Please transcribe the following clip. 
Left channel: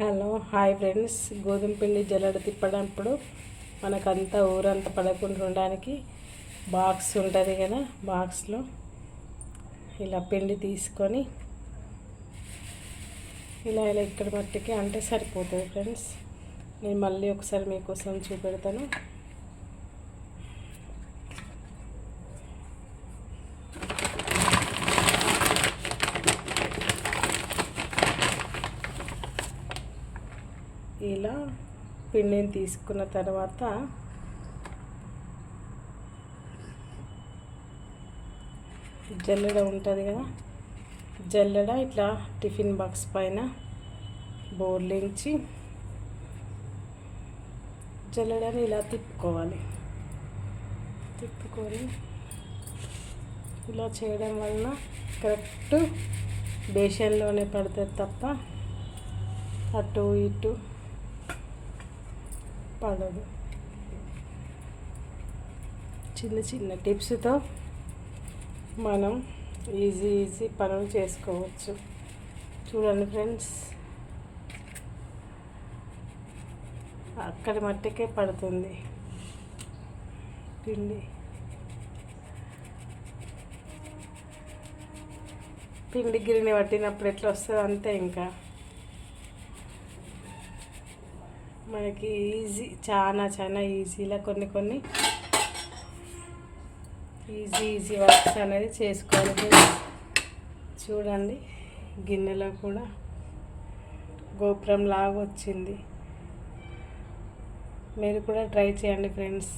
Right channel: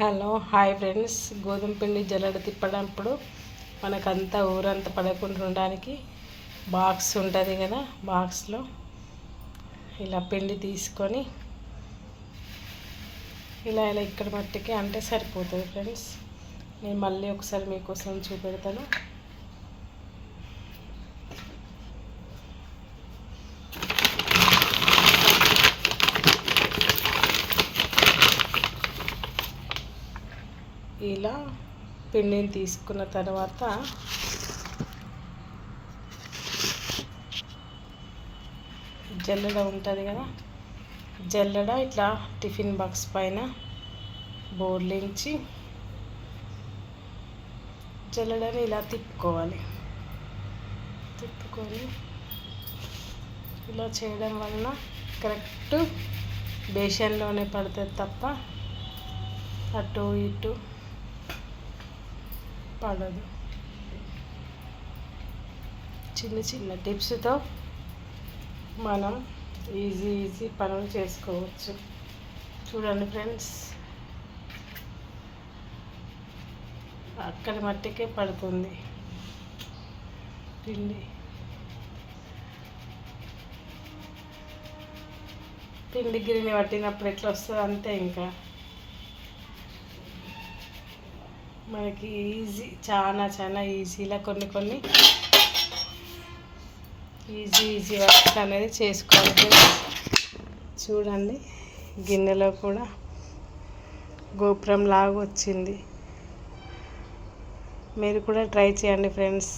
Hello hi friends. గోధుమ పిండి జల్లెడ తిప్పడప్పుడు మనకంతా ఊరంతా పడకుండా ఉండడానికి బాక్స్ ఉంటుంది కదా బాక్స్లో. ఇలా పిండి తీసుకొని ఇలా ఇలా ఇక్కడ మట్టికి అంటే సరిపోతుంది ఫ్రెండ్స్. నేను మళ్ళీ ఒకసారి మీకోసం చూపెడతాను. ఇలా పిండిని తీసుకున్న తర్వాత జల్లెడ ఉంటుంది కదా జల్లెడ ఇట్లా టిఫిన్ బాక్స్ పైన బోర్లించి జల్లెడని ఇలా తిప్పుకోవాలి. తిప్పుకొని ఇలా చేయడం వలన కరెక్ట్ బేషన్లోనే పడుతుంది తప్ప అటు ఇటు పడదు. చిన్న చిన్న టిప్స్తో మనం ఈజీ ఈజీ పనులు చేసుకోవచ్చు. చూడండి ఫ్రెండ్స్ అక్కడి మట్టికే పడుతుంది. పిండి. పిండి గిరిని పట్టినప్పుడు ఎట్లా వస్తుంది అంతే ఇంకా మనకి ఈజీ చాలా చాలా ఈజీలా కొన్ని కొన్ని ఈజీ ఈజీ వర్క్స్ అనేది చేసుకోవాలి చూడండి గిన్నెలో కూడా గోపురం లాగా వచ్చింది. మీరు కూడా ట్రై చేయండి ఫ్రెండ్స్.